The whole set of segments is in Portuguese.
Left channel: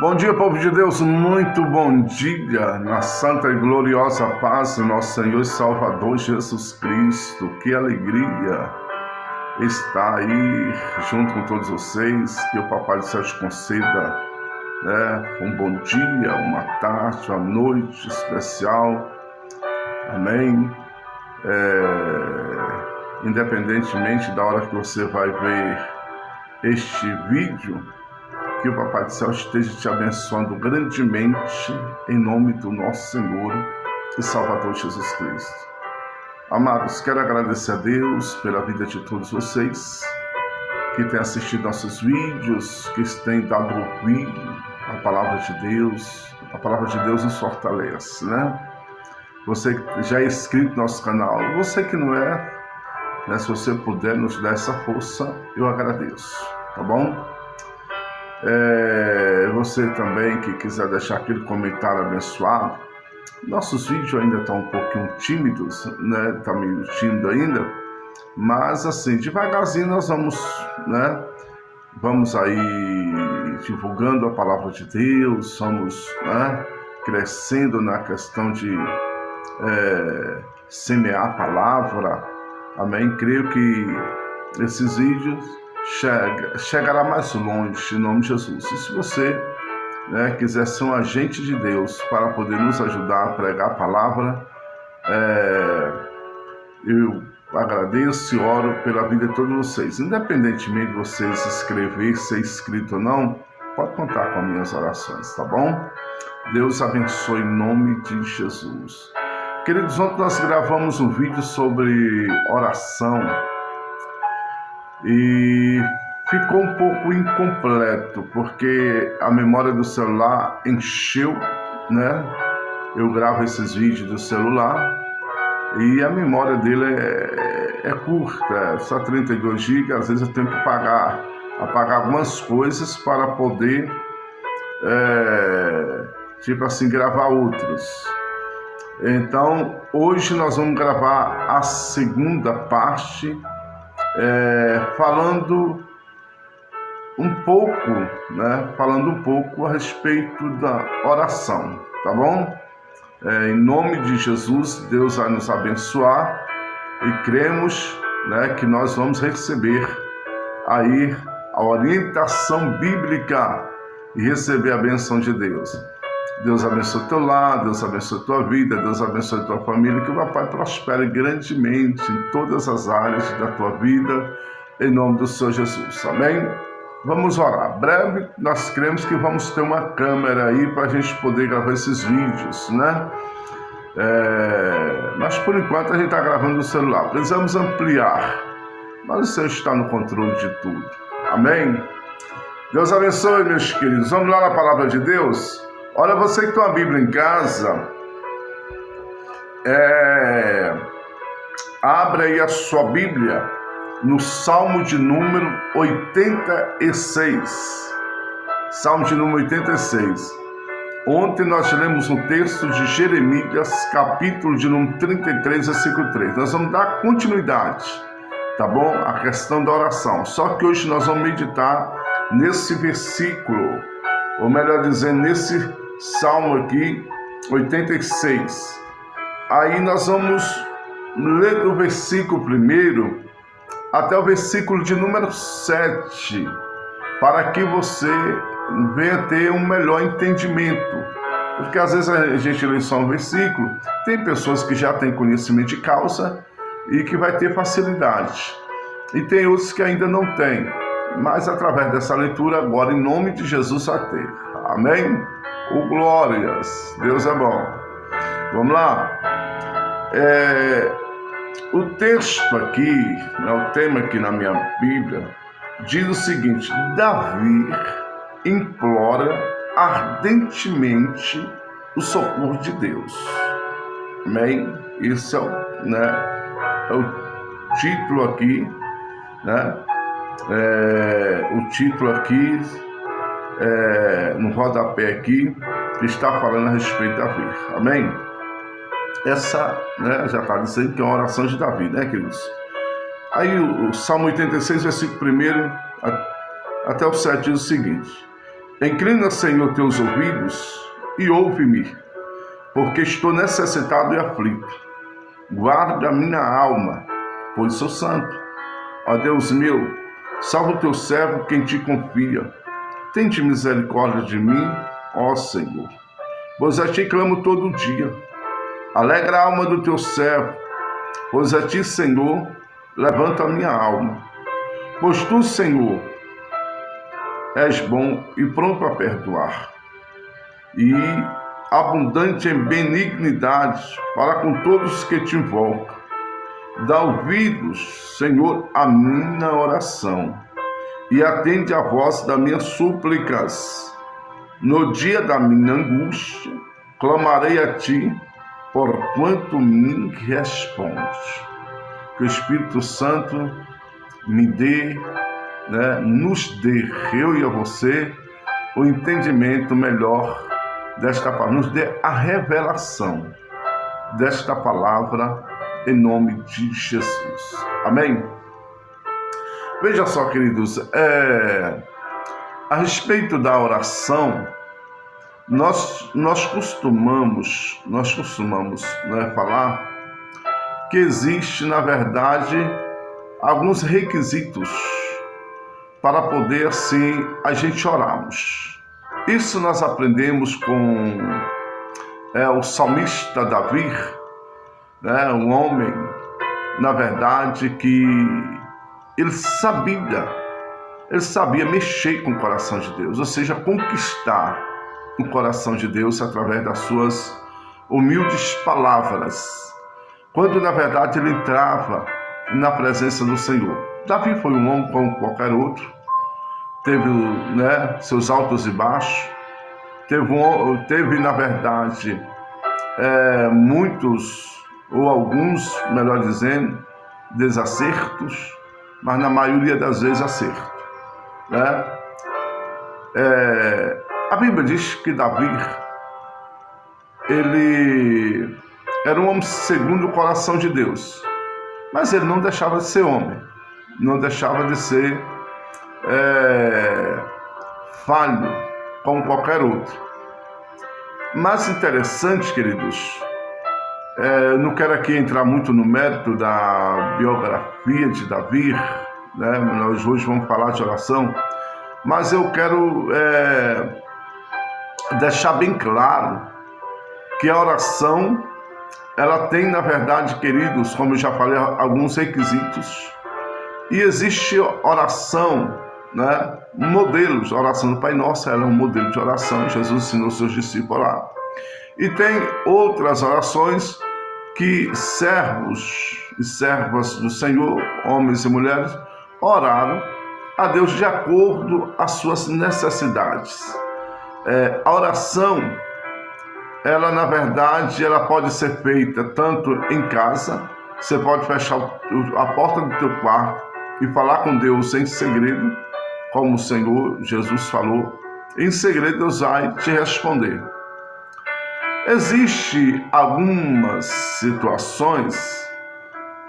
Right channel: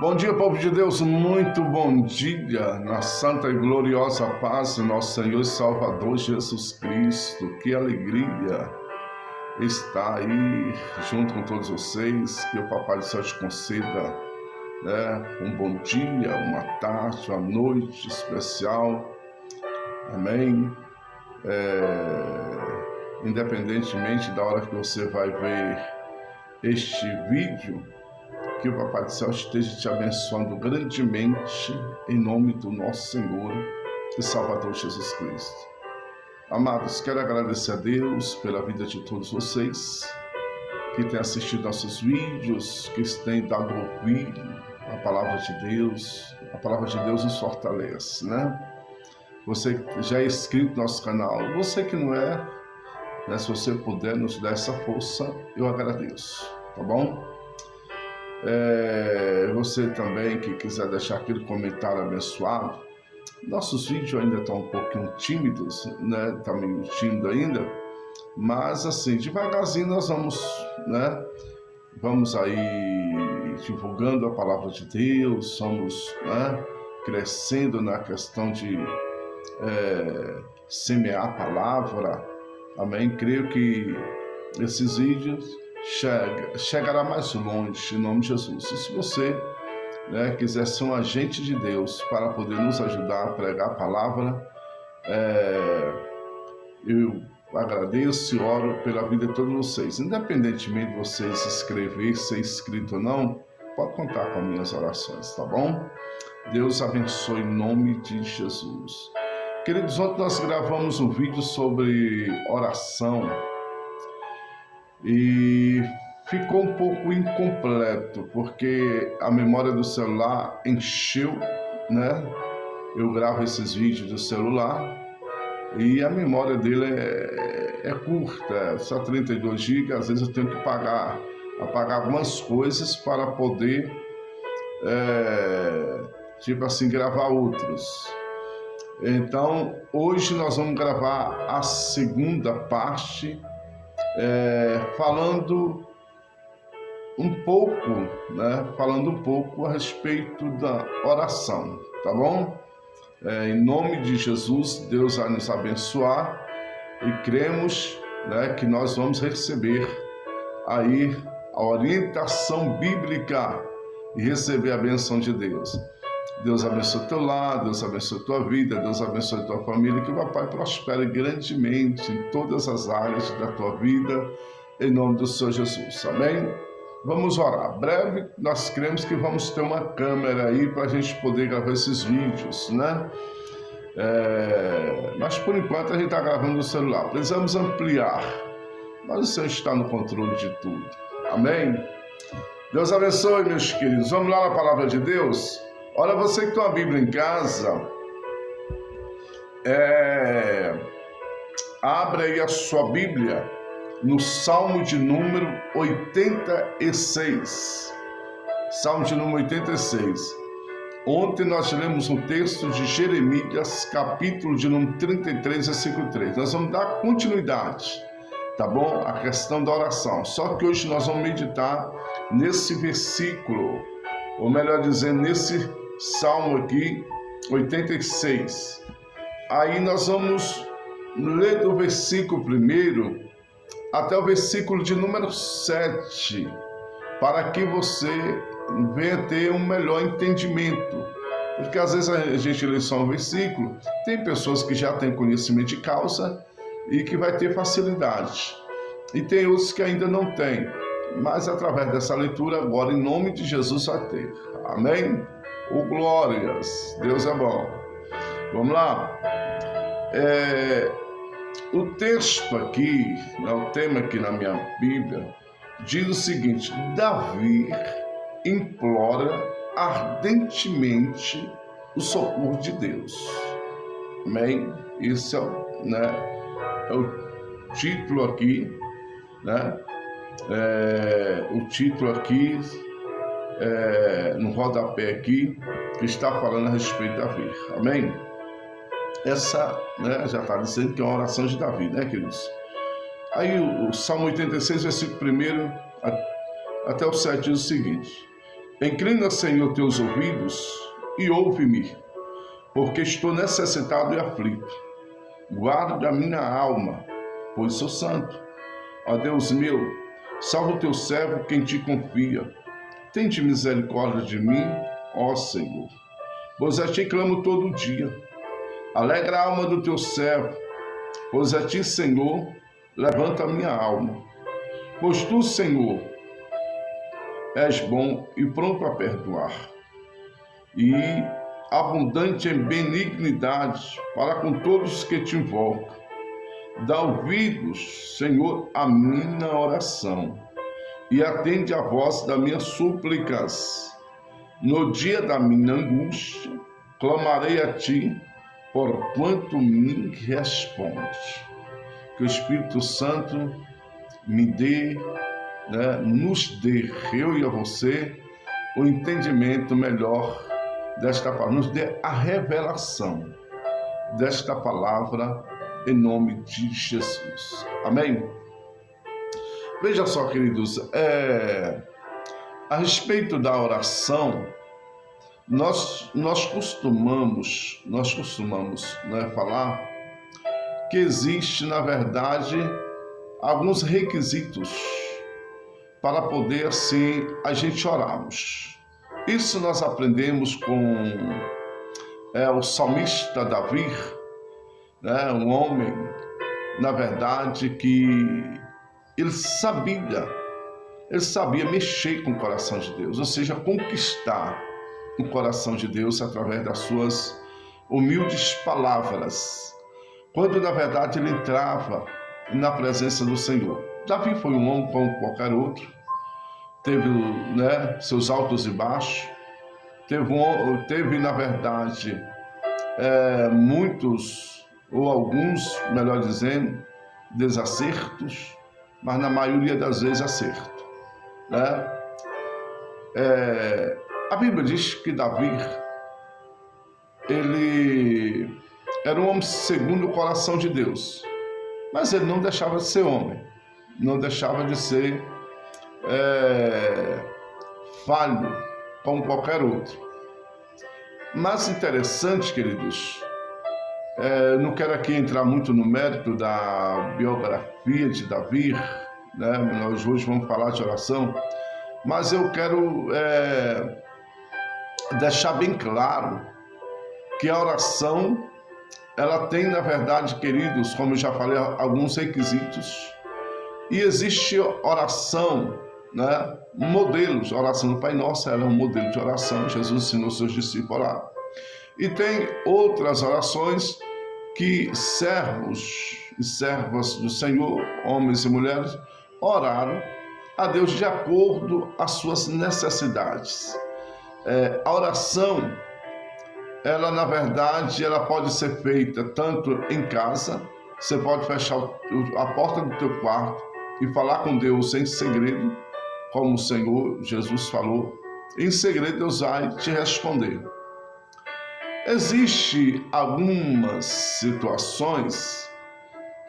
Bom dia, povo de Deus, muito bom dia, na santa e gloriosa paz do nosso Senhor e Salvador Jesus Cristo. Que alegria estar aí junto com todos vocês, que o Papai do Céu te conceda um bom dia, uma tarde, uma noite especial, amém? Independentemente da hora que você vai ver este vídeo, que o Papai do Céu esteja te abençoando grandemente, em nome do nosso Senhor e Salvador Jesus Cristo. Amados, quero agradecer a Deus pela vida de todos vocês que têm assistido nossos vídeos, que têm dado ouvido a palavra de Deus. A palavra de Deus nos fortalece, né? Você que já é inscrito no nosso canal, você que não é, se você puder nos dar essa força, eu agradeço, tá bom? Você também que quiser deixar aquele comentário abençoado. Nossos vídeos ainda estão um pouquinho tímidos, né? Tá meio tímido ainda, mas assim, devagarzinho nós vamos aí divulgando a palavra de Deus, vamos crescendo na questão de semear a palavra, amém? Creio que esses vídeos chegará mais longe, em nome de Jesus. E se você quiser ser um agente de Deus para poder nos ajudar a pregar a palavra, eu agradeço e oro pela vida de todos vocês. Independentemente de vocês se inscrever, ser inscrito ou não, pode contar com as minhas orações, tá bom? Deus abençoe em nome de Jesus. Queridos, ontem nós gravamos um vídeo sobre oração e ficou um pouco incompleto, porque a memória do celular encheu, né? Eu gravo esses vídeos do celular e a memória dele é curta, só 32 GB, às vezes eu tenho que apagar algumas coisas para poder, gravar outros. Então, hoje nós vamos gravar a segunda parte, falando um pouco a respeito da oração, tá bom? Em nome de Jesus, Deus vai nos abençoar e cremos, que nós vamos receber aí a orientação bíblica e receber a bênção de Deus. Deus abençoe teu lar, Deus abençoe tua vida, Deus abençoe tua família, que o Papai prospere grandemente em todas as áreas da tua vida, em nome do Senhor Jesus, amém? Vamos orar. Breve nós cremos que vamos ter uma câmera aí para a gente poder gravar esses vídeos, né? Mas por enquanto a gente está gravando no celular. Precisamos ampliar, mas o Senhor está no controle de tudo, amém? Deus abençoe, meus queridos. Vamos lá na palavra de Deus? Olha, você que tem uma Bíblia em casa, abre aí a sua Bíblia no Salmo de número 86. Salmo de número 86. Ontem nós lemos um texto de Jeremias, capítulo de número 33, versículo 3. Nós vamos dar continuidade, tá bom? A questão da oração. Só que hoje nós vamos meditar nesse versículo, ou melhor dizendo, nesse Salmo aqui, 86. Aí nós vamos ler do versículo 1 até o versículo de número 7, para que você venha ter um melhor entendimento. Porque às vezes a gente lê só um versículo, tem pessoas que já têm conhecimento de causa e que vai ter facilidade. E tem outros que ainda não têm, mas através dessa leitura agora, em nome de Jesus, vai ter. Amém? Glórias, Deus é bom. Vamos lá. O texto aqui, o tema aqui na minha Bíblia, diz o seguinte: Davi implora ardentemente o socorro de Deus. Amém? Esse é o título aqui, né? O título aqui, no rodapé aqui, que está falando a respeito de Davi. Amém? Essa, já está dizendo que é uma oração de Davi, né, queridos? Aí o Salmo 86, versículo 1 até o 7 diz o seguinte: Inclina, Senhor, teus ouvidos e ouve-me, porque estou necessitado e aflito. Guarda a minha alma, pois sou santo. Ó Deus meu, salva o teu servo quem te confia. Tende misericórdia de mim, ó Senhor, pois a ti clamo todo dia. Alegra a alma do teu servo, pois a ti, Senhor, levanta a minha alma. Pois tu, Senhor, és bom e pronto a perdoar, e abundante em benignidade para com todos que te invocam. Dá ouvidos, Senhor, à minha oração, e atende a voz das minhas súplicas. No dia da minha angústia, clamarei a ti, porquanto me respondes. Que o Espírito Santo me dê, nos dê, eu e a você, o entendimento melhor desta palavra, nos dê a revelação desta palavra em nome de Jesus. Amém? Veja só, queridos, a respeito da oração, nós costumamos falar que existe, na verdade, alguns requisitos para poder, sim, a gente orarmos. Isso nós aprendemos com o salmista Davi, um homem, na verdade, que ele sabia mexer com o coração de Deus, ou seja, conquistar o coração de Deus através das suas humildes palavras, quando na verdade ele entrava na presença do Senhor. Davi foi um homem como qualquer outro, teve seus altos e baixos, teve na verdade muitos, ou alguns, melhor dizendo, desacertos, mas na maioria das vezes acerto. A Bíblia diz que Davi, ele era um homem segundo o coração de Deus, mas ele não deixava de ser homem, não deixava de ser falho, como qualquer outro. Mas interessante, queridos, não quero aqui entrar muito no mérito da biografia de Davi, nós hoje vamos falar de oração, mas eu quero deixar bem claro que a oração, ela tem, na verdade, queridos, como eu já falei, alguns requisitos, e existe oração, modelos. A oração do Pai Nosso, ela é um modelo de oração, Jesus ensinou seus discípulos lá. E tem outras orações que servos e servas do Senhor, homens e mulheres, oraram a Deus de acordo às suas necessidades. A oração, ela na verdade, ela pode ser feita tanto em casa, você pode fechar a porta do teu quarto e falar com Deus em segredo, como o Senhor Jesus falou, em segredo Deus vai te responder. Existem algumas situações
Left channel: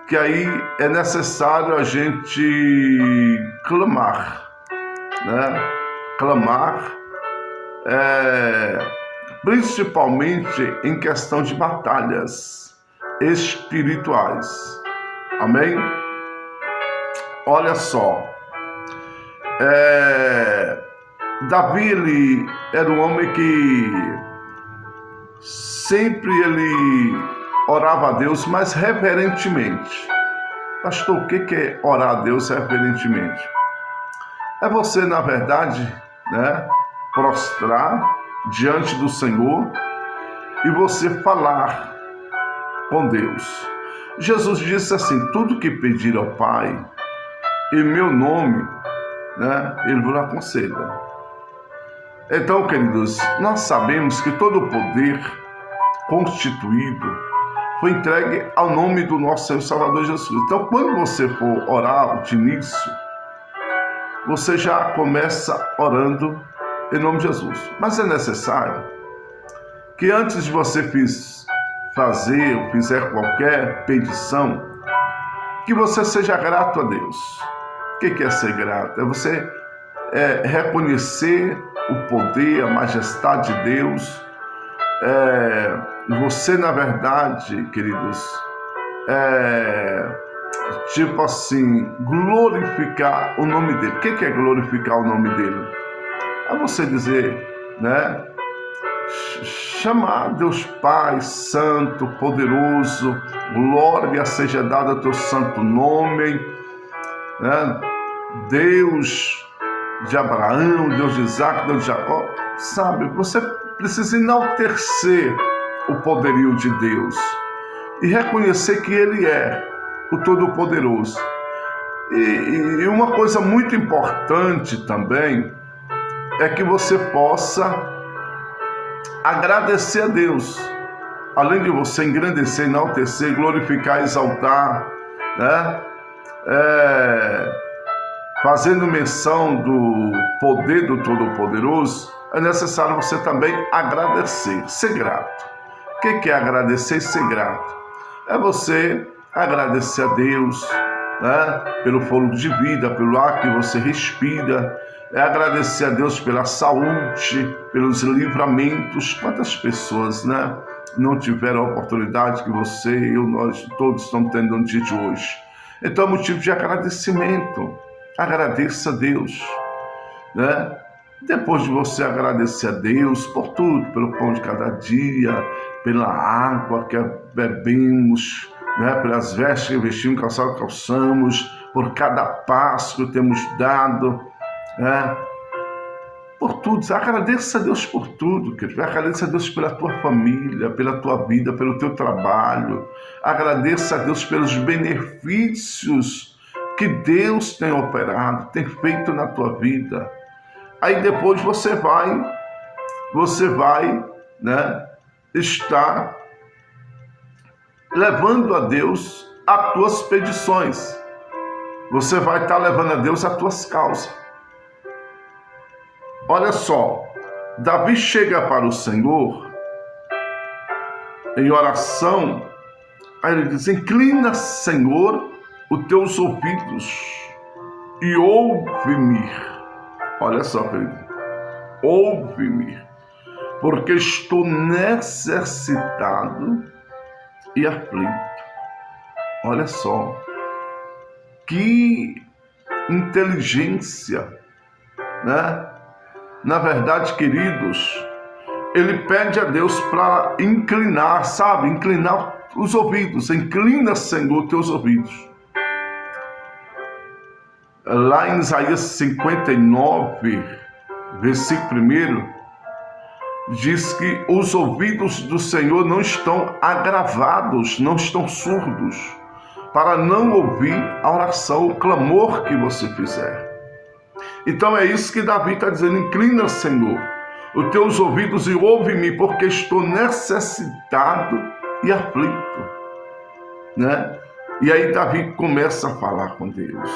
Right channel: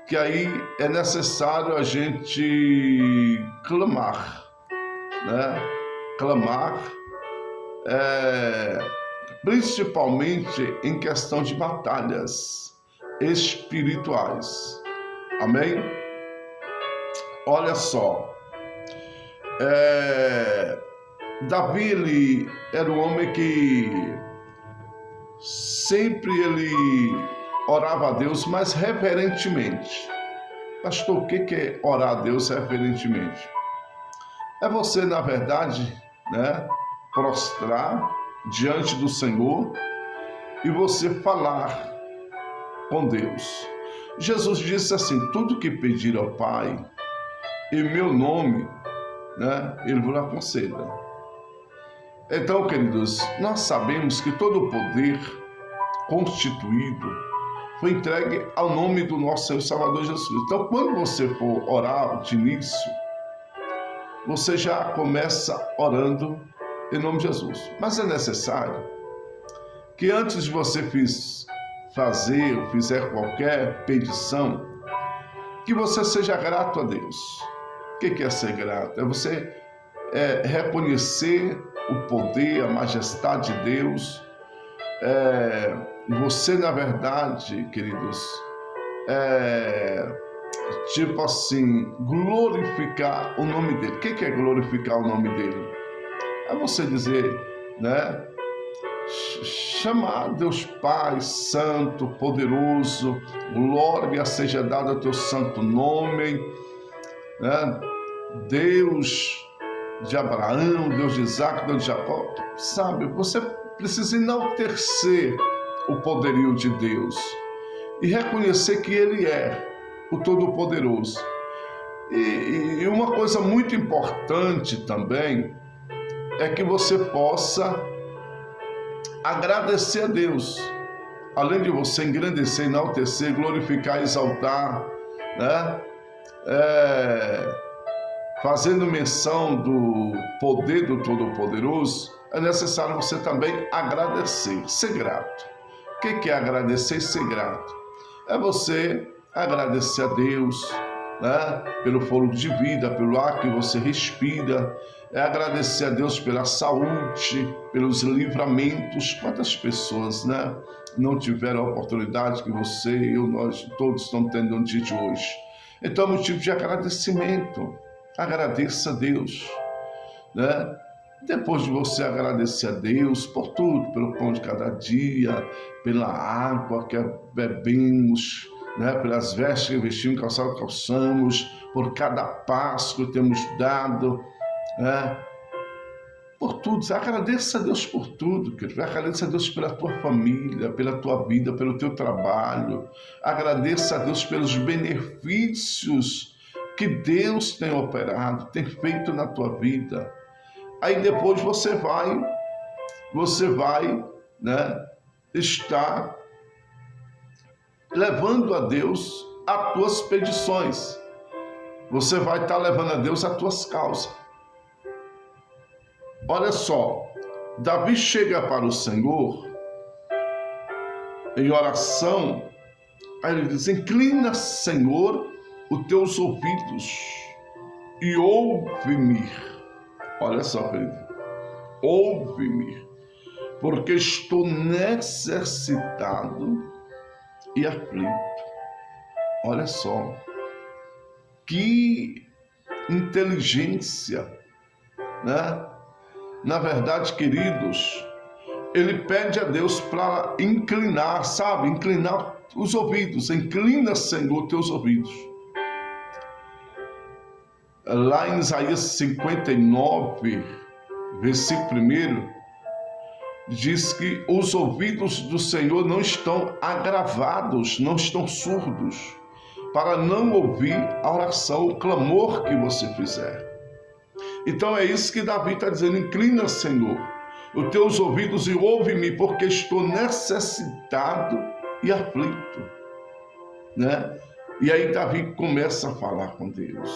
que aí é necessário a gente clamar, Clamar, principalmente em questão de batalhas espirituais. Amém? Olha só, Davi, ele era um homem que sempre ele orava a Deus, mas reverentemente. Pastor, o que é orar a Deus reverentemente? É você, na verdade, prostrar diante do Senhor e você falar com Deus. Jesus disse assim: tudo que pedir ao Pai em meu nome, Ele vos aconselha. Então, queridos, nós sabemos que todo o poder constituído foi entregue ao nome do nosso Senhor Salvador Jesus. Então, quando você for orar de início, você já começa orando em nome de Jesus. Mas é necessário que antes de você fizer qualquer petição, que você seja grato a Deus. O que é ser grato? É você reconhecer o poder, a majestade de Deus. Você, na verdade, queridos, tipo assim, glorificar o nome dele. O que é glorificar o nome dele? É você dizer, né? Chamar Deus Pai, Santo, Poderoso, glória seja dada ao teu santo nome, né? Deus de Abraão, Deus de Isaac, Deus de Jacó, sabe? Você precisa enaltecer o poderio de Deus e reconhecer que Ele é o Todo-Poderoso. E uma coisa muito importante também é que você possa agradecer a Deus, além de você engrandecer, enaltecer, glorificar, exaltar, né? Fazendo menção do poder do Todo-Poderoso, é necessário você também agradecer, ser grato. O que é agradecer e ser grato? É você agradecer a Deus, né? Pelo fôlego de vida, pelo ar que você respira. É agradecer a Deus pela saúde, pelos livramentos. Quantas pessoas, né, não tiveram a oportunidade que você e eu, nós todos estamos tendo no dia de hoje? Então é motivo de agradecimento. Agradeça a Deus, né? Depois de você agradecer a Deus por tudo, pelo pão de cada dia, pela água que bebemos, né? Pelas vestes que vestimos, calçado que calçamos, por cada passo que temos dado, né? Por tudo, agradeça a Deus por tudo, querido. Agradeça a Deus pela tua família, pela tua vida, pelo teu trabalho. Agradeça a Deus pelos benefícios que Deus tem operado, tem feito na tua vida. Aí depois você vai, né, estar levando a Deus as tuas petições. Você vai estar levando a Deus as tuas causas. Olha só, Davi chega para o Senhor em oração, aí ele diz: inclina, Senhor, os teus ouvidos e ouve-me. Olha só, querido, ouve-me, porque estou necessitado e aflito. Olha só, que inteligência, né? Na verdade, queridos, ele pede a Deus para inclinar, sabe? Inclinar os ouvidos. Inclina, Senhor, teus ouvidos. Lá em Isaías 59, versículo 1, diz que os ouvidos do Senhor não estão agravados, não estão surdos, para não ouvir a oração, o clamor que você fizer. Então é isso que Davi está dizendo: inclina, Senhor, os teus ouvidos e ouve-me, porque estou necessitado e aflito, né? E aí Davi começa a falar com Deus:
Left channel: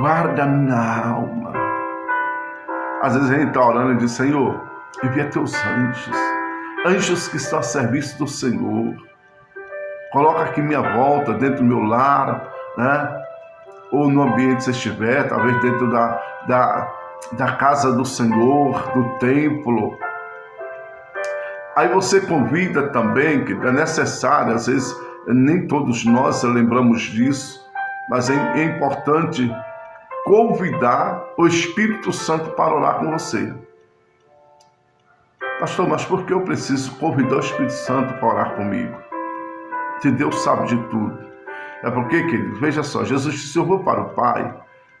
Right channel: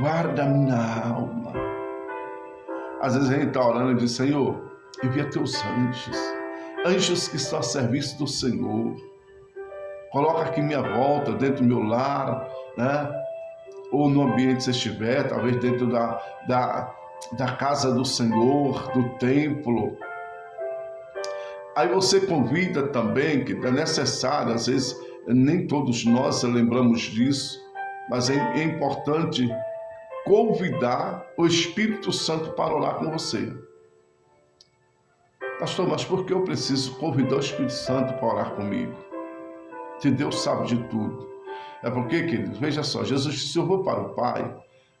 guarda minha alma. Às vezes a gente está orando e diz: Senhor, envia teus anjos que estão a serviço do Senhor. Coloca aqui minha volta, dentro do meu lar, né? Ou no ambiente que você estiver, talvez dentro da casa do Senhor, do templo. Aí você convida também, que é necessário, às vezes nem todos nós lembramos disso, mas é importante convidar o Espírito Santo para orar com você. Pastor, mas por que eu preciso convidar o Espírito Santo para orar comigo? Se Deus sabe de tudo. É porque, querido, veja só, Jesus disse: eu vou para o Pai,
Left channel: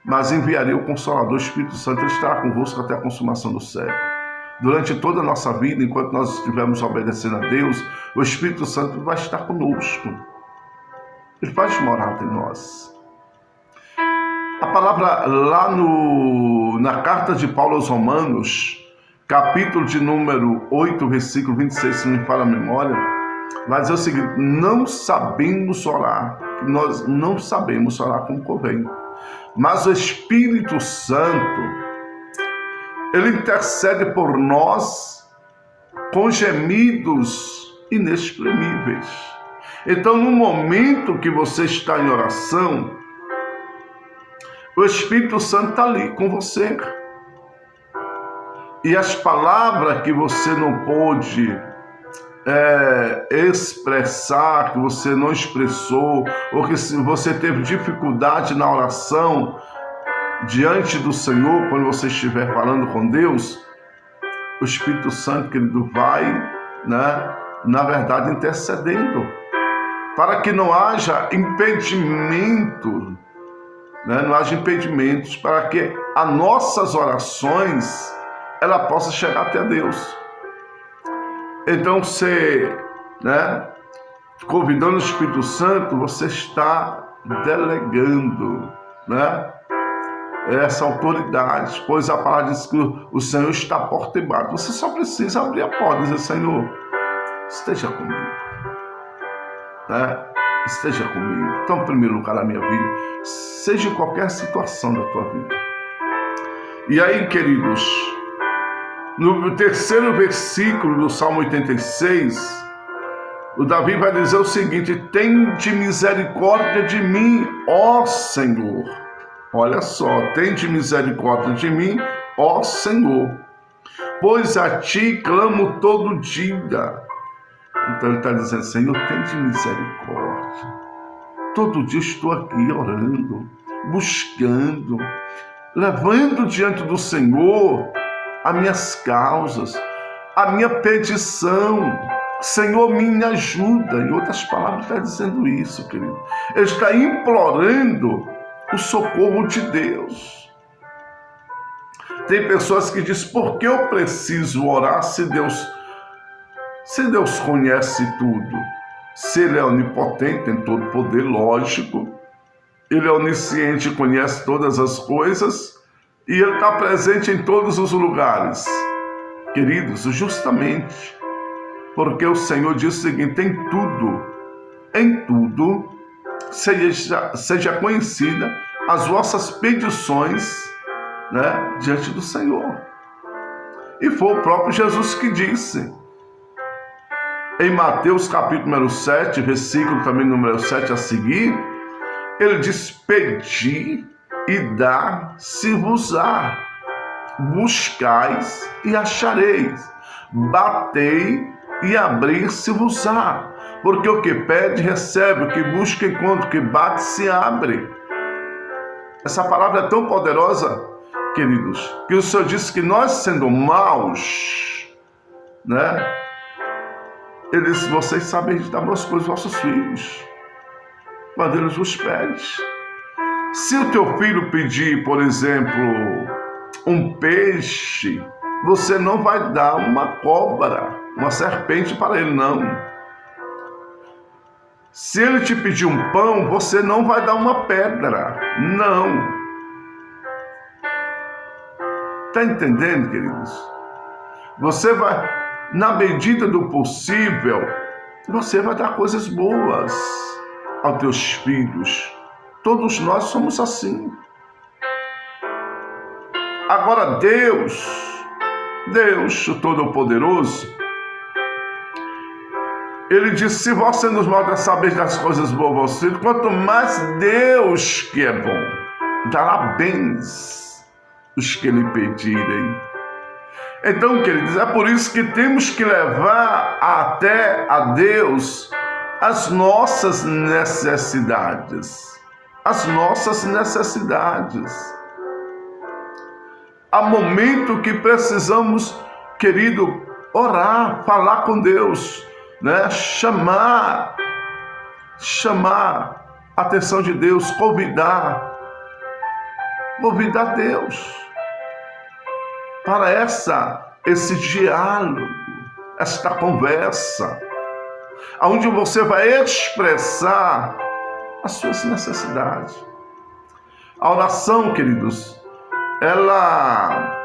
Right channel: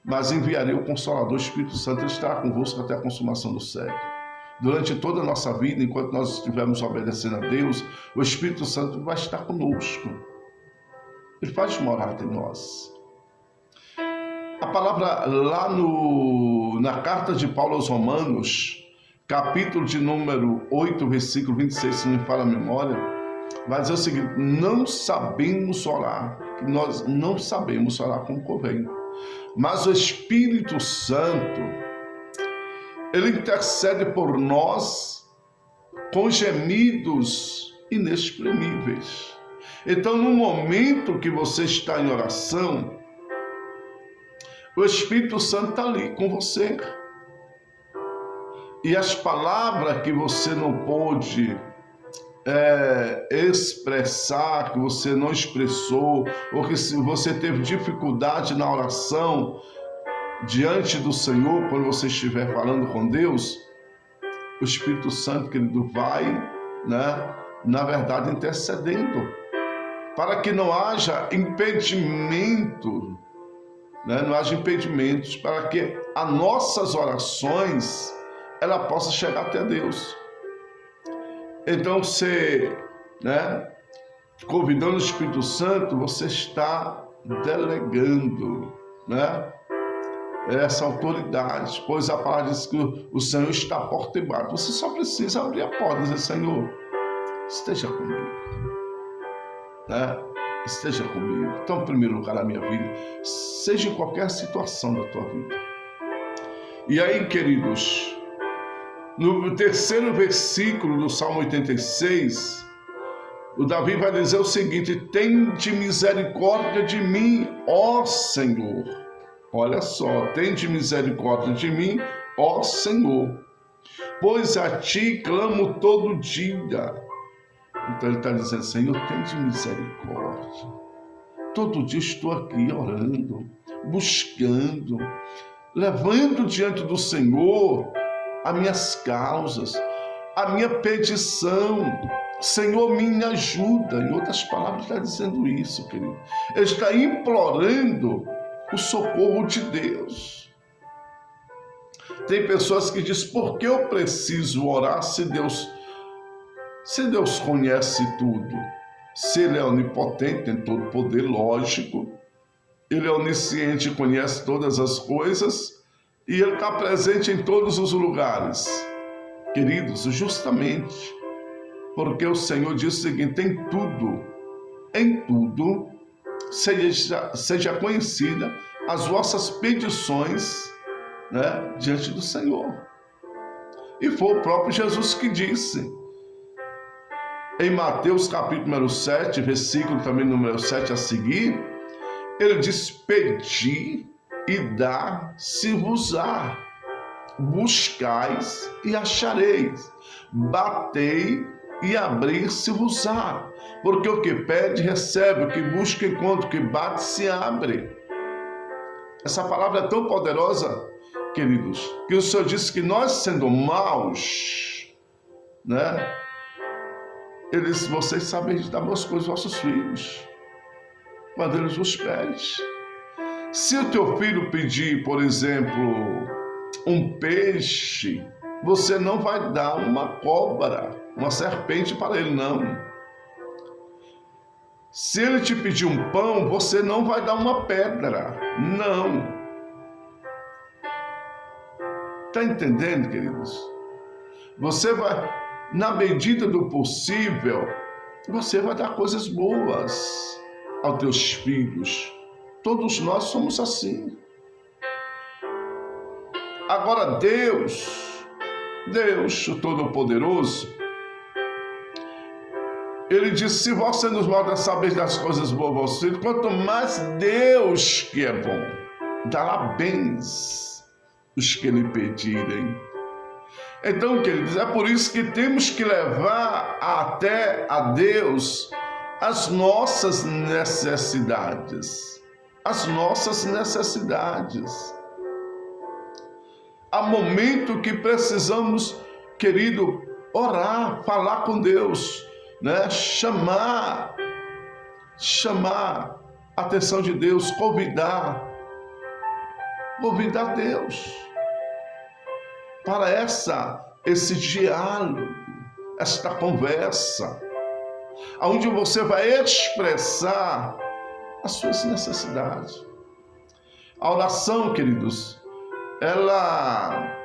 mas enviarei o Consolador, o Espírito Santo, ele estará convosco até a consumação do século. Durante toda a nossa vida, enquanto nós estivermos obedecendo a Deus, o Espírito Santo vai estar conosco. Ele faz morada em nós. A palavra lá na carta de Paulo aos Romanos, capítulo de número 8, versículo 26, se não me falha a memória, vai dizer o seguinte: não sabemos orar, que nós não sabemos orar como convém, mas o Espírito Santo, ele intercede por nós com gemidos inexprimíveis. Então, no momento que você está em oração, o Espírito Santo está ali com você. E as palavras que você não pôde expressar, que você não expressou, ou que você teve dificuldade na oração diante do Senhor, quando você estiver falando com Deus, o Espírito Santo, querido, vai, na verdade, intercedendo, para que não haja impedimento, não haja impedimentos, para que as nossas orações ela possa chegar até Deus. Então, você, convidando o Espírito Santo, você está delegando, essa autoridade, pois a palavra diz que o Senhor está à porta e bate. Você só precisa abrir a porta e dizer: Senhor, esteja comigo, esteja comigo. Então, em primeiro lugar na minha vida, seja em qualquer situação da tua vida. E aí, queridos, no terceiro versículo do Salmo 86, o Davi vai dizer o seguinte: tende misericórdia de mim, ó Senhor. Olha só, tende misericórdia de mim, ó Senhor, pois a ti clamo todo dia. Então ele está dizendo: Senhor, tende misericórdia. Todo dia estou aqui orando, buscando, levando diante do Senhor as minhas causas, a minha petição. Senhor, me ajuda. Em outras palavras, está dizendo isso, querido. Ele está implorando o socorro de Deus. Tem pessoas que dizem: por que eu preciso orar se Deus conhece tudo? Se Ele é onipotente, tem todo poder, lógico. Ele é onisciente, conhece todas as coisas. E Ele está presente em todos os lugares. Queridos, justamente porque o Senhor diz o seguinte: em tudo, seja conhecida as vossas petições, diante do Senhor. E foi o próprio Jesus que disse, em Mateus capítulo número 7, versículo também número 7 a seguir, ele diz: pedi e dá-se-vos-á, buscais e achareis, batei e abrir-se-vos-á. Porque o que pede, recebe, o que busca, encontra, o que bate, se abre. Essa palavra é tão poderosa, queridos, que o Senhor disse que nós, sendo maus, Ele disse: vocês sabem dar boas coisas aos vossos filhos, quando eles vos pedem. Se o teu filho pedir, por exemplo, um peixe, você não vai dar uma cobra, uma serpente para ele, não. Se ele te pedir um pão, você não vai dar uma pedra, não. Está entendendo, queridos? Você vai, na medida do possível, você vai dar coisas boas aos teus filhos. Todos nós somos assim. Agora Deus, o Todo-Poderoso, Ele disse: se vós sendo os maus sabeis das coisas boas aos vossos filhos, quanto mais Deus, que é bom, dará bens os que lhe pedirem. Então, queridos, é por isso que temos que levar até a Deus as nossas necessidades. As nossas necessidades. Há momento que precisamos, querido, orar, falar com Deus, chamar a atenção de Deus, convidar Deus para esse diálogo, esta conversa, onde você vai expressar as suas necessidades. A oração, queridos, ela,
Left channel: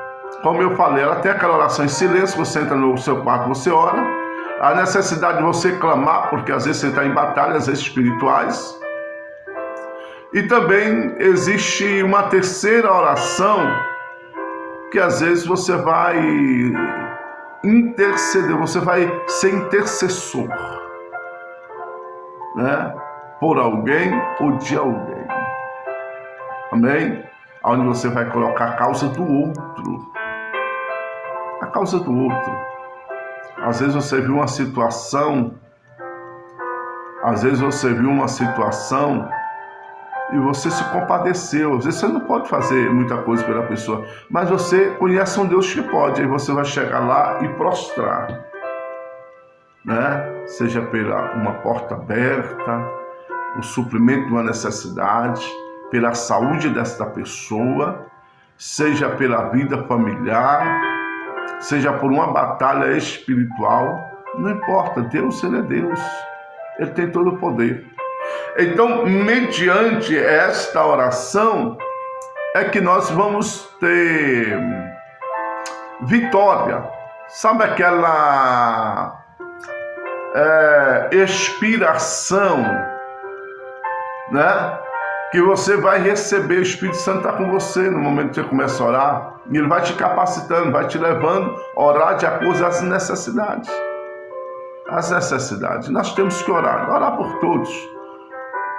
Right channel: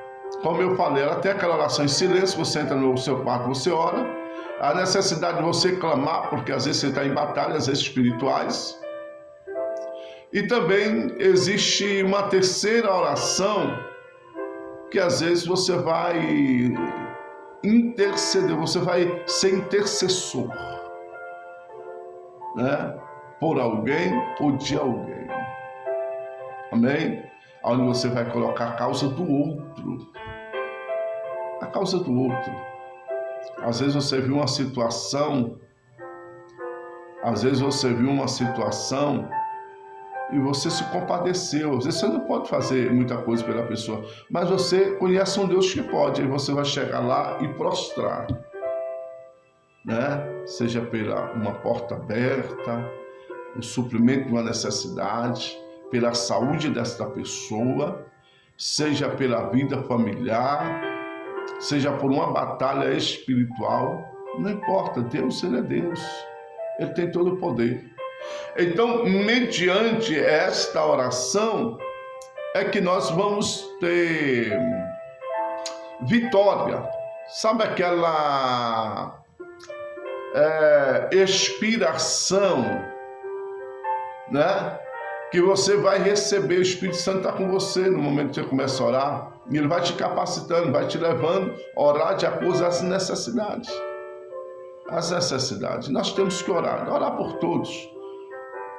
como eu falei, ela tem aquela oração em silêncio. Você entra no seu quarto, você ora. A necessidade de você clamar, porque às vezes você está em batalhas espirituais. E também existe uma terceira oração, que às vezes você vai interceder, você vai ser intercessor, por alguém ou de alguém. Amém? Onde você vai colocar a causa do outro a causa do outro. Às vezes você viu uma situação, e você se compadeceu. Às vezes você não pode fazer muita coisa pela pessoa, mas você conhece um Deus que pode. Aí você vai chegar lá e prostrar, né? Seja pela uma porta aberta, o suprimento de uma necessidade, pela saúde desta pessoa, seja pela vida familiar, seja por uma batalha espiritual, não importa. Deus, Ele é Deus. Ele tem todo o poder. Então, mediante esta oração, é que nós vamos ter vitória. Sabe aquela expiração, né? Que você vai receber. O Espírito Santo está com você no momento que você começa a orar. E ele vai te capacitando, vai te levando a orar de acordo às necessidades. As necessidades. Nós temos que orar por todos.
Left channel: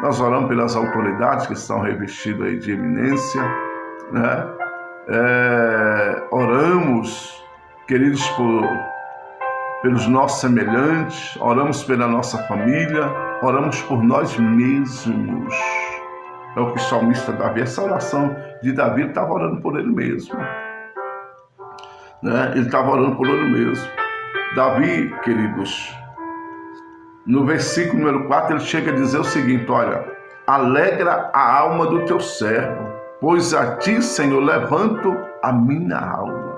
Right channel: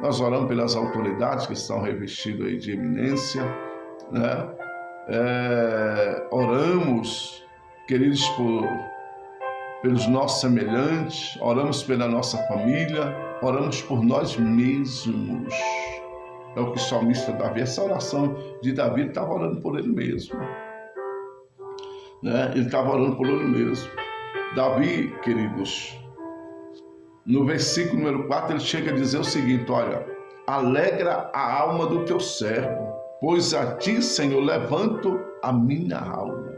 Nós oramos pelas autoridades que estão revestidas aí de eminência, né? Oramos, queridos, pelos nossos semelhantes, oramos pela nossa família, oramos por nós mesmos. É o que o salmista Davi, essa oração de Davi, ele estava orando por ele mesmo, né? Ele estava orando por ele mesmo. Davi, queridos, no versículo número 4, ele chega a dizer o seguinte: olha, alegra a alma do teu servo, pois a ti, Senhor, levanto a minha alma.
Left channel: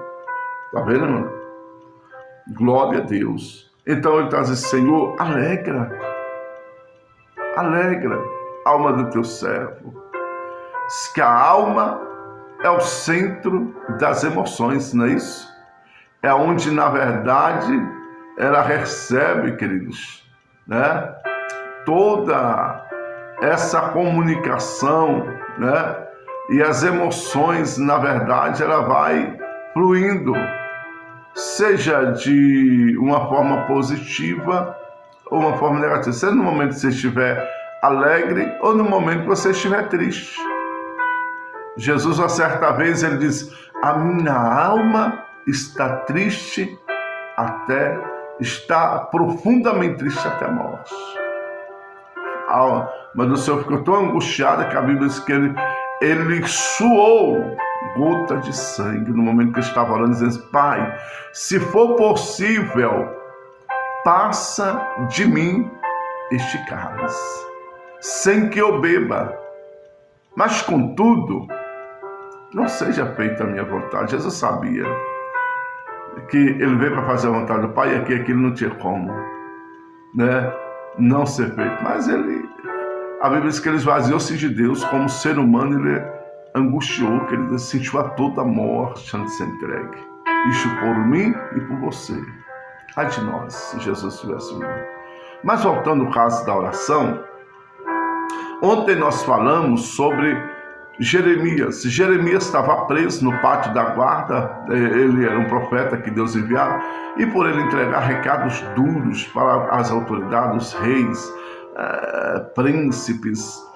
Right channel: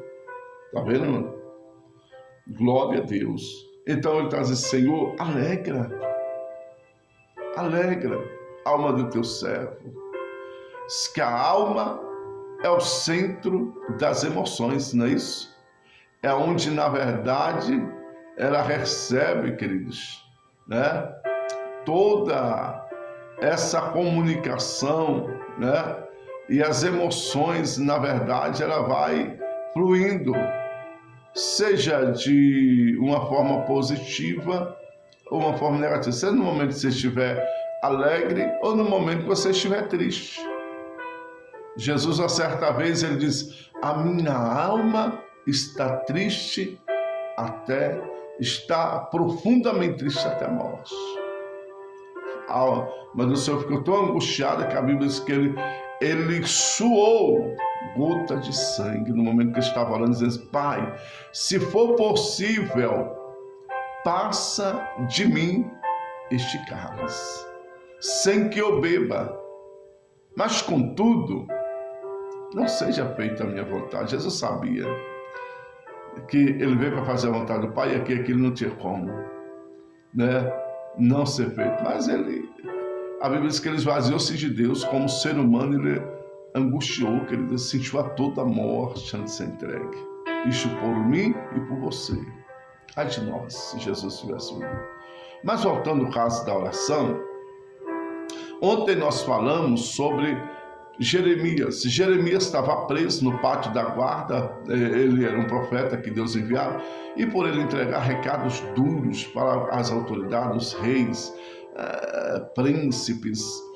Está vendo, irmão? Glória a Deus. Então ele está dizendo: Senhor, alegra a alma do teu servo. Diz que a alma é o centro das emoções, não é isso? É onde, na verdade, ela recebe, queridos, né? Toda essa comunicação, né? E as emoções, na verdade, ela vai fluindo, seja de uma forma positiva ou uma forma negativa, seja no momento que você estiver alegre ou no momento que você estiver triste. Jesus, uma certa vez, ele diz: a minha alma está triste está profundamente triste até a morte. Mas o Senhor ficou tão angustiado que a Bíblia diz que ele suou gota de sangue no momento que ele estava orando, dizendo: Pai, se for possível, passa de mim este cálice, sem que eu beba, mas contudo, não seja feita a minha vontade. Jesus sabia que ele veio para fazer a vontade do Pai, e aquilo não tinha como, né, não ser feito. Mas a Bíblia diz que ele esvaziou-se de Deus como ser humano. Ele angustiou, que ele sentiu a toda a morte antes de ser entregue. Isto por mim e por você. Ai de nós, se Jesus tivesse vindo. Mas voltando ao caso da oração, ontem nós falamos sobre Jeremias. Jeremias estava preso no pátio da guarda. Ele era um profeta que Deus enviava, e por ele entregar recados duros para as autoridades, os reis, príncipes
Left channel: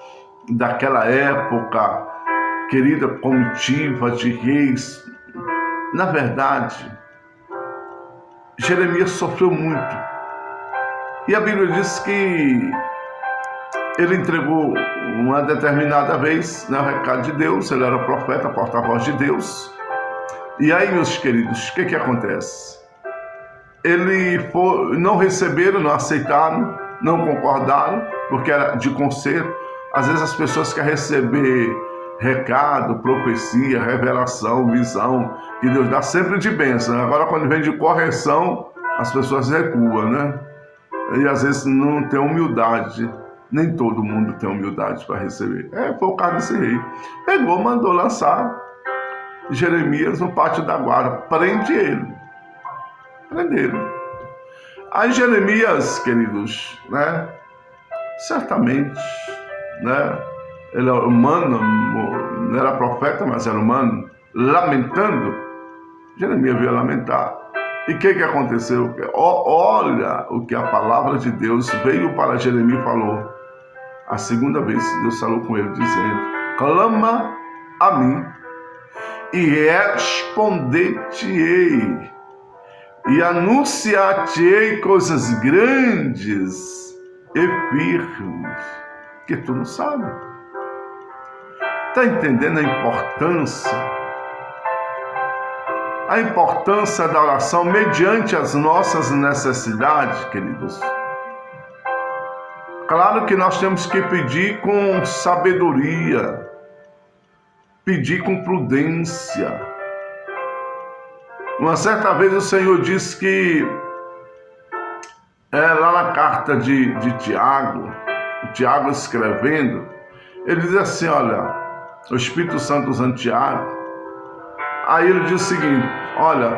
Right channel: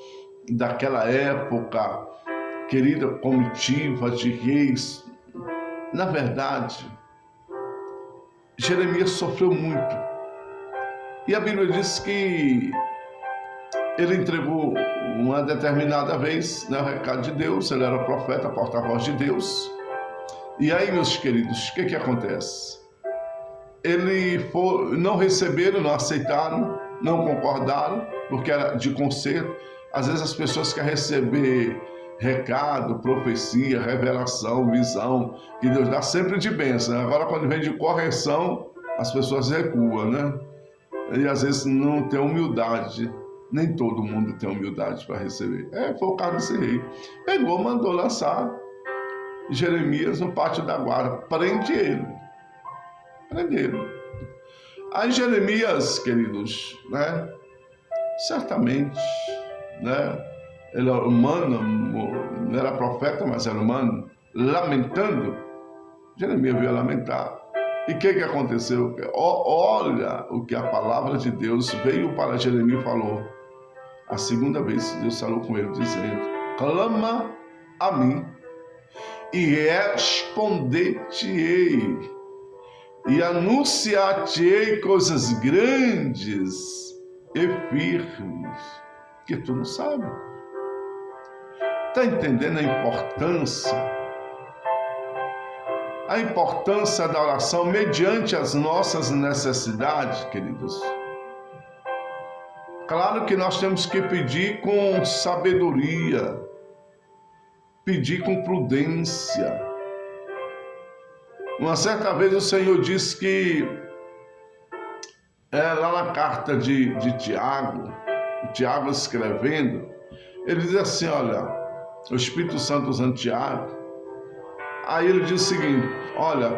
daquela época, querida comitiva de reis. Na verdade, Jeremias sofreu muito, e a Bíblia diz que ele entregou uma determinada vez, né, o recado de Deus. Ele era profeta, porta-voz de Deus. E aí, meus queridos, o que acontece? Não receberam, não aceitaram, não concordaram, porque era de conserto. Às vezes as pessoas querem receber recado, profecia, revelação, visão, que Deus dá sempre de bênção. Agora, quando vem de correção, as pessoas recuam, né? E às vezes não tem humildade. Nem todo mundo tem humildade para receber. Foi o caso desse rei. Pegou, mandou lançar Jeremias no pátio da guarda. Prende ele. Prenderam. Aí Jeremias, queridos, né? Certamente, né? Ele era humano, não era profeta, mas era humano. Lamentando, Jeremias veio lamentar. E o que aconteceu? Olha o que a palavra de Deus veio para Jeremias e falou. A segunda vez Deus falou com ele, dizendo: clama a mim e responder-te-ei e anunciar-te-ei coisas grandes e firmes, que tu não sabe. Está entendendo a importância? A importância da oração mediante as nossas necessidades, queridos. Claro que nós temos que pedir com sabedoria, pedir com prudência. Uma certa vez o Senhor disse que, lá na carta de Tiago, o Tiago escrevendo, ele diz assim, olha, o Espírito Santo usando Tiago, aí ele diz o seguinte, olha,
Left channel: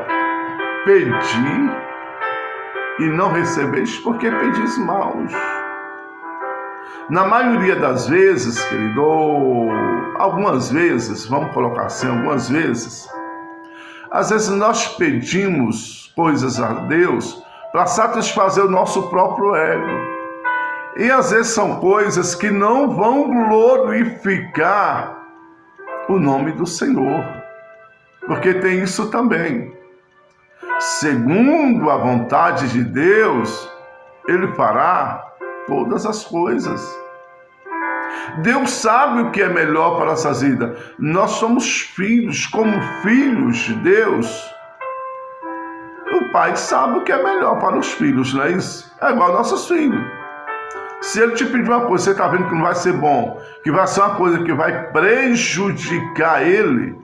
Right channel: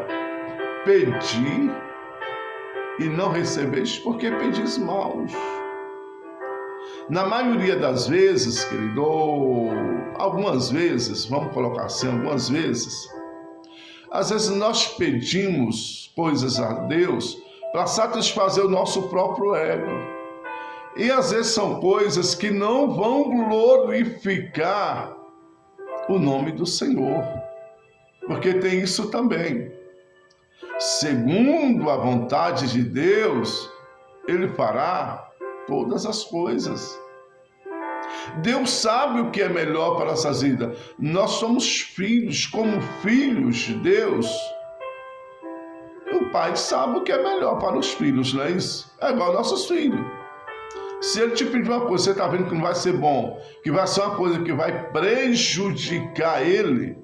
pedi e não recebeis porque pedis maus. Na maioria das vezes, querido, ou algumas vezes, vamos colocar assim, algumas vezes, às vezes nós pedimos coisas a Deus para satisfazer o nosso próprio ego. E às vezes são coisas que não vão glorificar o nome do Senhor. Porque tem isso também. Segundo a vontade de Deus, Ele fará todas as coisas. Deus sabe o que é melhor para nossas vidas. Nós somos filhos, como filhos de Deus. O pai sabe o que é melhor para os filhos, não é isso? É igual aos nossos filhos. Se ele te pedir uma coisa, você está vendo que não vai ser bom, que vai ser uma coisa que vai prejudicar ele,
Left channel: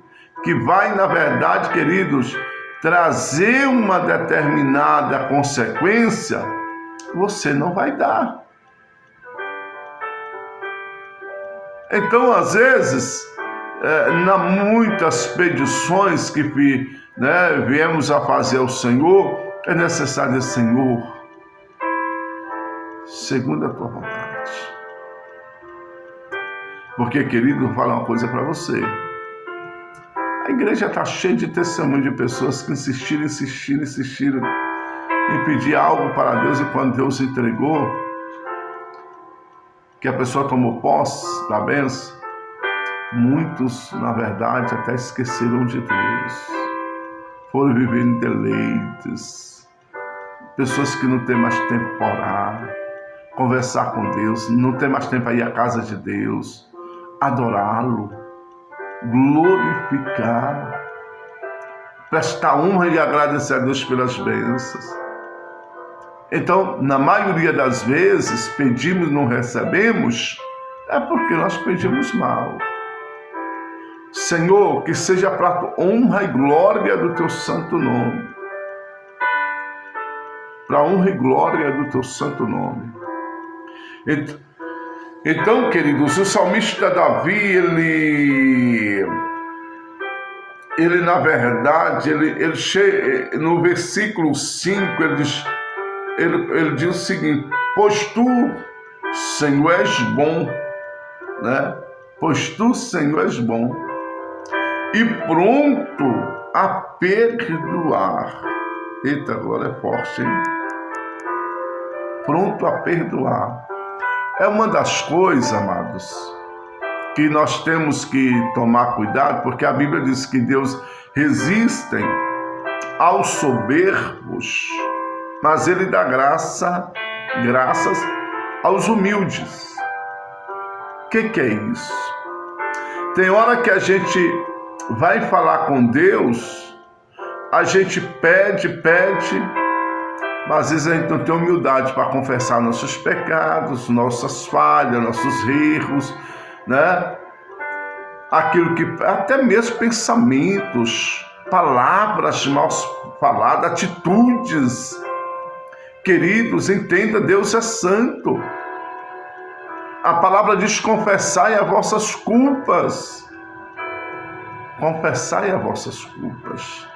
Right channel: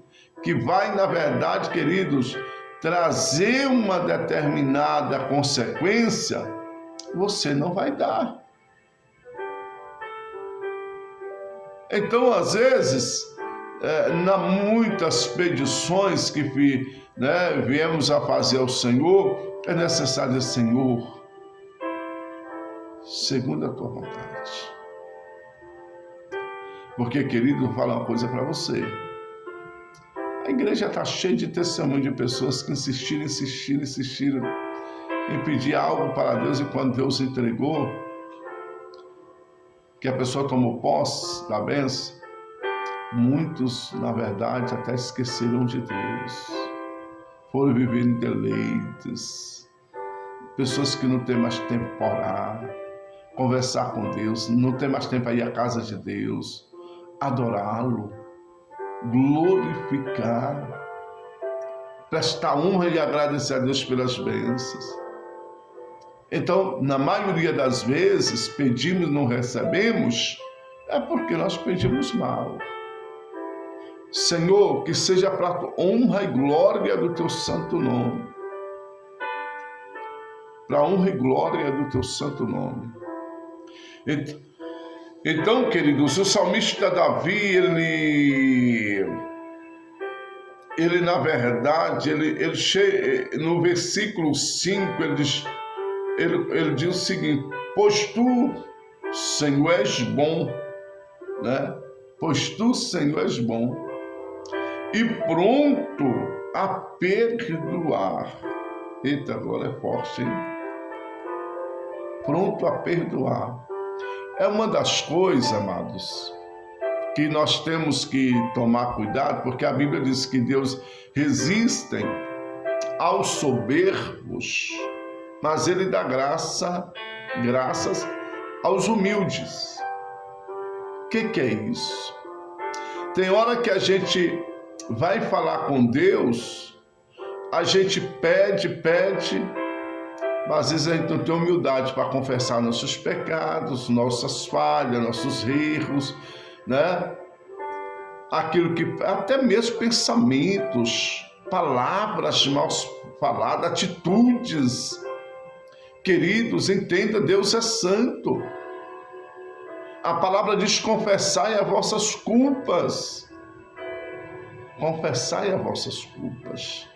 que vai, na verdade, queridos, trazer uma determinada consequência, você não vai dar. Então, às vezes, muitas petições que viemos a fazer ao Senhor, é necessário, Senhor, segundo a tua vontade. Porque, querido, vou falar uma coisa para você. A igreja está cheia de testemunho de pessoas que insistiram em pedir algo para Deus, e quando Deus entregou, que a pessoa tomou posse da bênção, muitos, na verdade, até esqueceram de Deus. Foram viver em deleites. Pessoas que não têm mais tempo para orar, conversar com Deus, não tem mais tempo para ir à casa de Deus, adorá-lo, glorificar, prestar honra e agradecer a Deus pelas bênçãos. Então, na maioria das vezes, pedimos e não recebemos, é porque nós pedimos mal. Senhor, que seja para a honra e glória do teu santo nome. Para a honra e glória do teu santo nome. Então, queridos, o salmista Davi, ele na verdade, no versículo 5, ele diz o seguinte, pois tu, Senhor, és bom, né? Pois tu, Senhor, és bom e pronto a perdoar. Eita, glória é forte, hein? Pronto a perdoar. É uma das coisas, amados, que nós temos que tomar cuidado, porque a Bíblia diz que Deus resiste aos soberbos, mas Ele dá graças aos humildes. O que é isso? Tem hora que a gente vai falar com Deus, a gente pede, mas às vezes a gente não tem humildade para confessar nossos pecados, nossas falhas, nossos erros, né? Aquilo que, até mesmo pensamentos, palavras mal faladas, atitudes. Queridos, entenda, Deus é santo. A palavra diz, confessai as vossas culpas. Confessai as vossas culpas.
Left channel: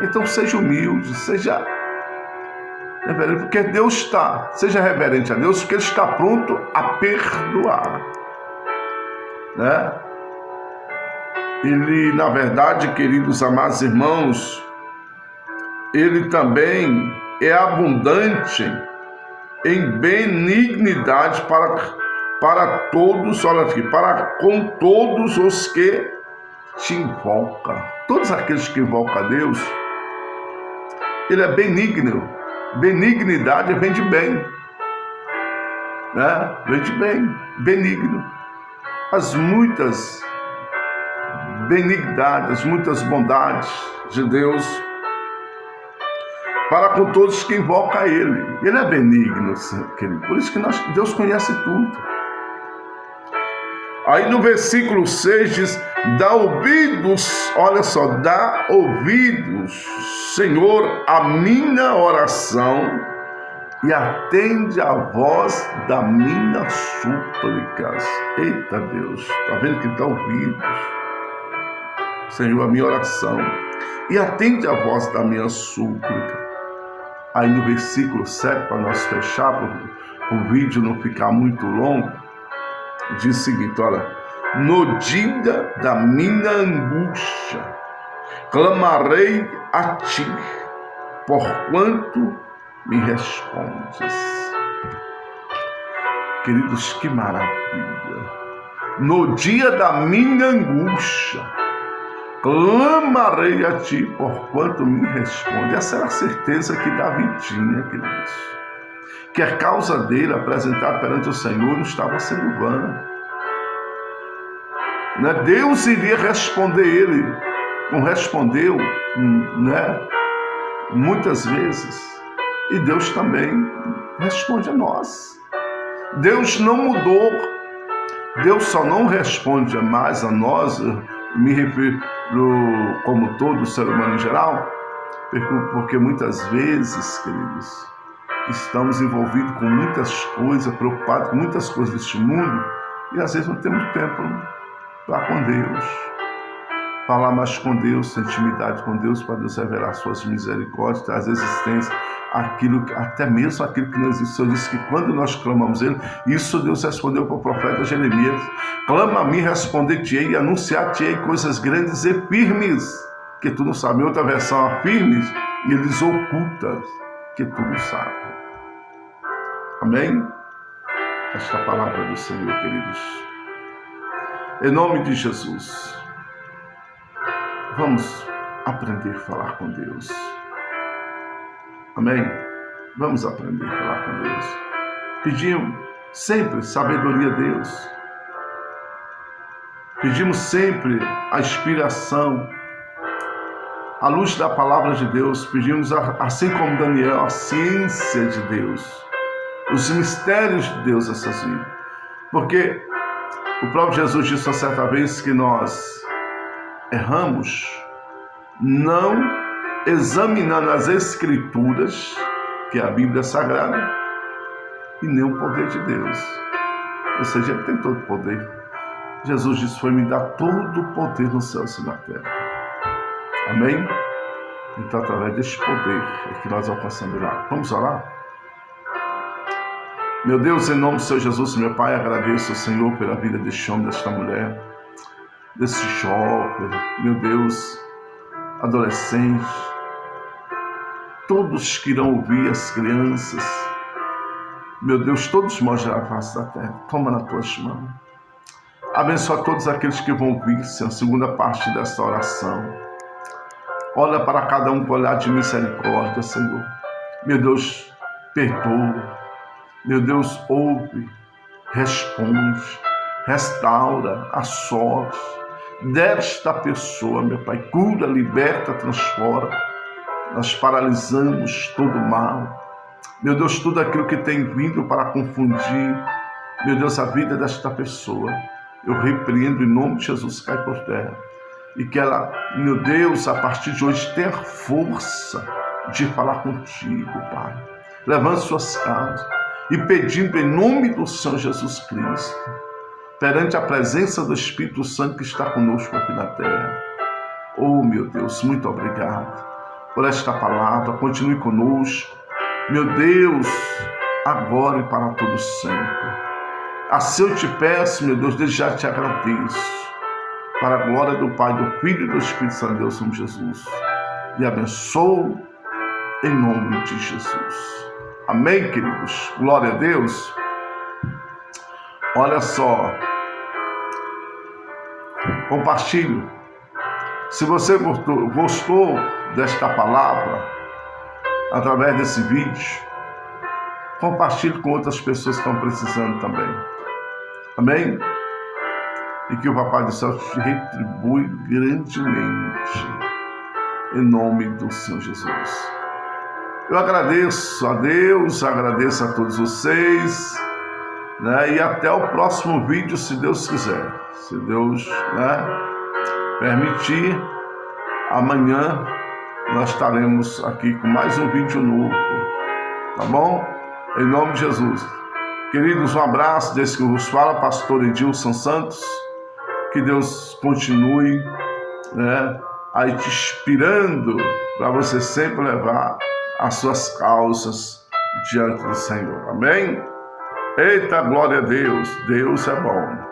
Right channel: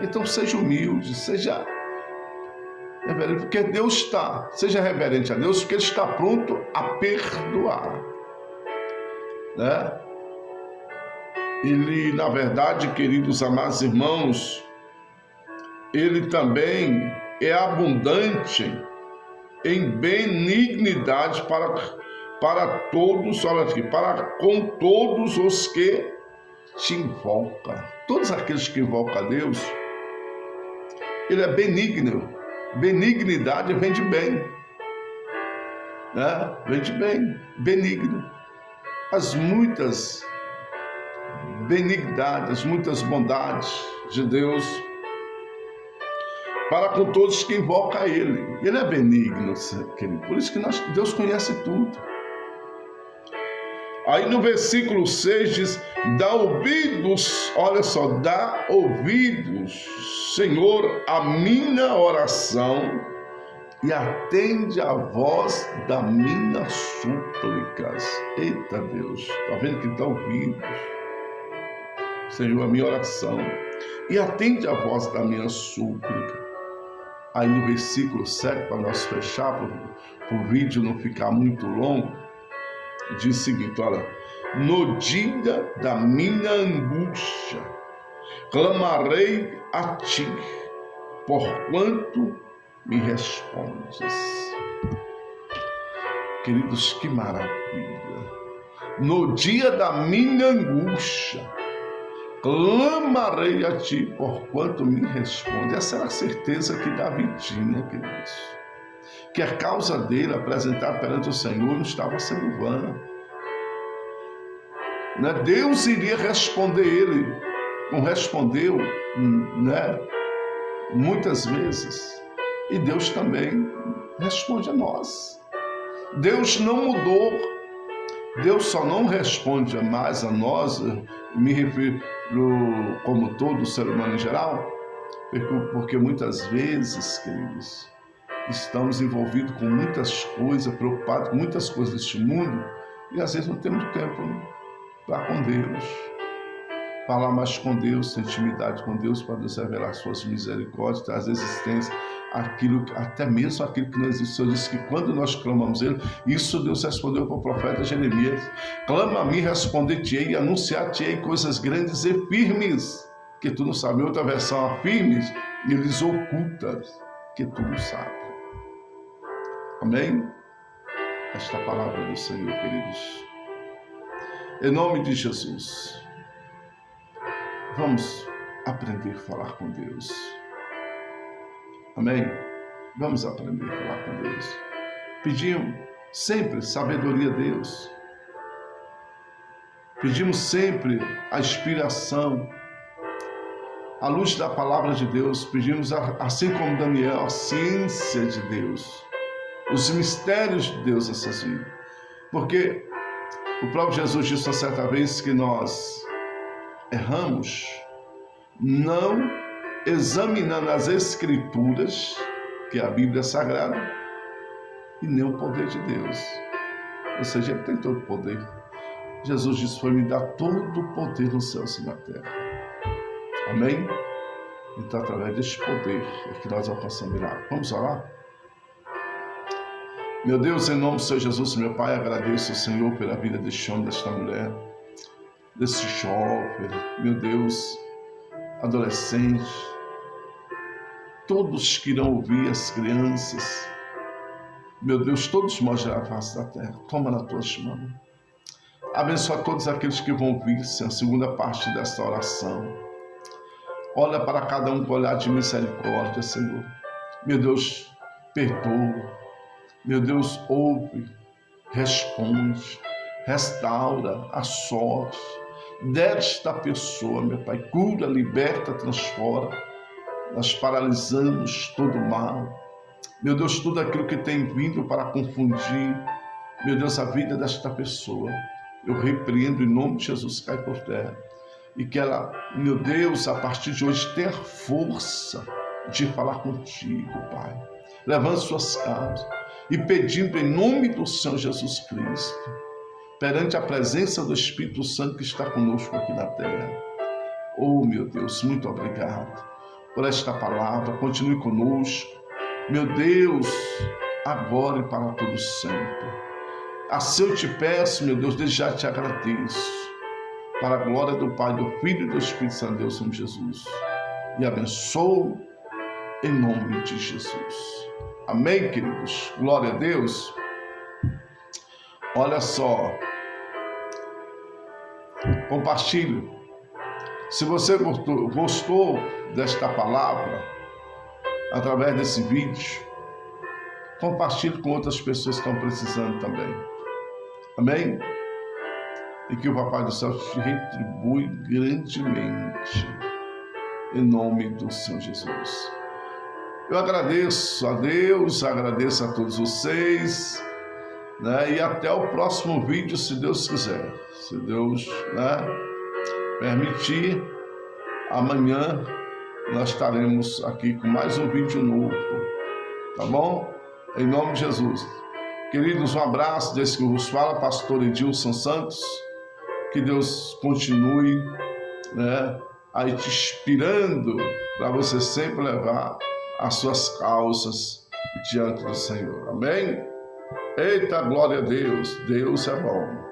Então seja humilde, seja reverente, porque Deus seja reverente a Deus, porque Ele está pronto a perdoar. Né? Ele, na verdade, queridos amados irmãos, Ele também é abundante em benignidade para todos, olha aqui, para com todos os que te invocam. Todos aqueles que invocam a Deus, Ele é benigno. Benignidade vem de bem, né? Vem de bem, benigno. As muitas benignidades, muitas bondades de Deus para com todos que invocam a Ele. Ele é benigno, querido. Por isso que Deus conhece tudo. Aí no versículo 6 diz: dá ouvidos, olha só, dá ouvidos, Senhor, a minha oração e atende a voz da minha súplicas. Eita Deus, está vendo que dá ouvidos, Senhor, a minha oração e atende a voz da minha súplica. Aí no versículo 7, para nós fechar, para o vídeo não ficar muito longo, diz o seguinte, olha: no dia da minha angústia, clamarei a ti, porquanto me respondes. Queridos, que maravilha! No dia da minha angústia, clamarei a ti, porquanto me responde. Essa era a certeza que Davi tinha, queridos. Que a causa dele apresentada perante o Senhor não estava sendo vã. Né? Deus iria responder ele, como respondeu, né? Muitas vezes. E Deus também responde a nós. Deus não mudou. Deus só não responde mais a nós, me refiro como todo ser humano em geral, porque muitas vezes, queridos, estamos envolvidos com muitas coisas, preocupados com muitas coisas deste mundo, e às vezes não temos tempo para com Deus, falar mais com Deus, ter intimidade com Deus, para Deus revelar suas misericórdias, trazer existência, até mesmo aquilo que não existe. O Senhor disse que quando nós clamamos Ele, isso Deus respondeu para o profeta Jeremias: clama a mim, responder-te-ei e anunciar-te-ei coisas grandes e firmes, que tu não sabes. Em outra versão, a firmes, eles ocultas, que tu não sabes. Amém? Esta é a palavra do Senhor, queridos. Em nome de Jesus, vamos aprender a falar com Deus. Amém? Vamos aprender a falar com Deus. Pedimos sempre sabedoria a Deus. Pedimos sempre a inspiração, a luz da palavra de Deus. Pedimos, assim como Daniel, a ciência de Deus, os mistérios de Deus nessas vidas. Porque o próprio Jesus disse uma certa vez que nós erramos não examinando as Escrituras, que é a Bíblia Sagrada, e nem o poder de Deus. Ou seja, Ele tem todo o poder. Jesus disse: foi-me dar todo o poder no céu e na terra. Amém? Então, através deste poder é que nós alcançamos lá. Vamos orar? Meu Deus, em nome do Senhor Jesus, meu Pai, agradeço ao Senhor pela vida deste homem, desta mulher, desse jovem, meu Deus, adolescente, todos que irão ouvir, as crianças, meu Deus, todos nós já face da terra, toma nas tuas mãos. Abençoa todos aqueles que vão ouvir, Senhor, a segunda parte desta oração. Olha para cada um com olhar de misericórdia, Senhor. Meu Deus, perdoa. Meu Deus, ouve, responde, restaura a sorte desta pessoa, meu Pai. Cura, liberta, transforma. Nós paralisamos todo o mal. Meu Deus, tudo aquilo que tem vindo para confundir, meu Deus, a vida desta pessoa, eu repreendo em nome de Jesus, cai por terra. E que ela, meu Deus, a partir de hoje tenha força de falar contigo, Pai. Levante suas causas e pedindo em nome do Senhor Jesus Cristo, perante a presença do Espírito Santo que está conosco aqui na terra. Oh, meu Deus, muito obrigado por esta palavra. Continue conosco, meu Deus, agora e para todo sempre. Assim eu te peço, meu Deus, desde já te agradeço, para a glória do Pai, do Filho e do Espírito Santo, Deus, somos Jesus. E abençoo em nome de Jesus. Amém, queridos? Glória a Deus. Olha só, compartilhe. Se você gostou desta palavra, através desse vídeo. Compartilhe com outras pessoas que estão precisando também. Amém? E que o Papai do Céu te retribui grandemente. Em nome do Senhor Jesus. Eu agradeço a Deus, agradeço a todos vocês, né? E até o próximo vídeo, se Deus quiser. Se Deus, né, permitir, amanhã nós estaremos aqui com mais um vídeo novo. Tá bom? Em nome de Jesus. Queridos, um abraço desse que vos fala, pastor Edilson Santos. Que Deus continue, né, aí te inspirando para você sempre levar as suas causas diante do Senhor. Amém? Eita, glória a Deus. Deus é bom.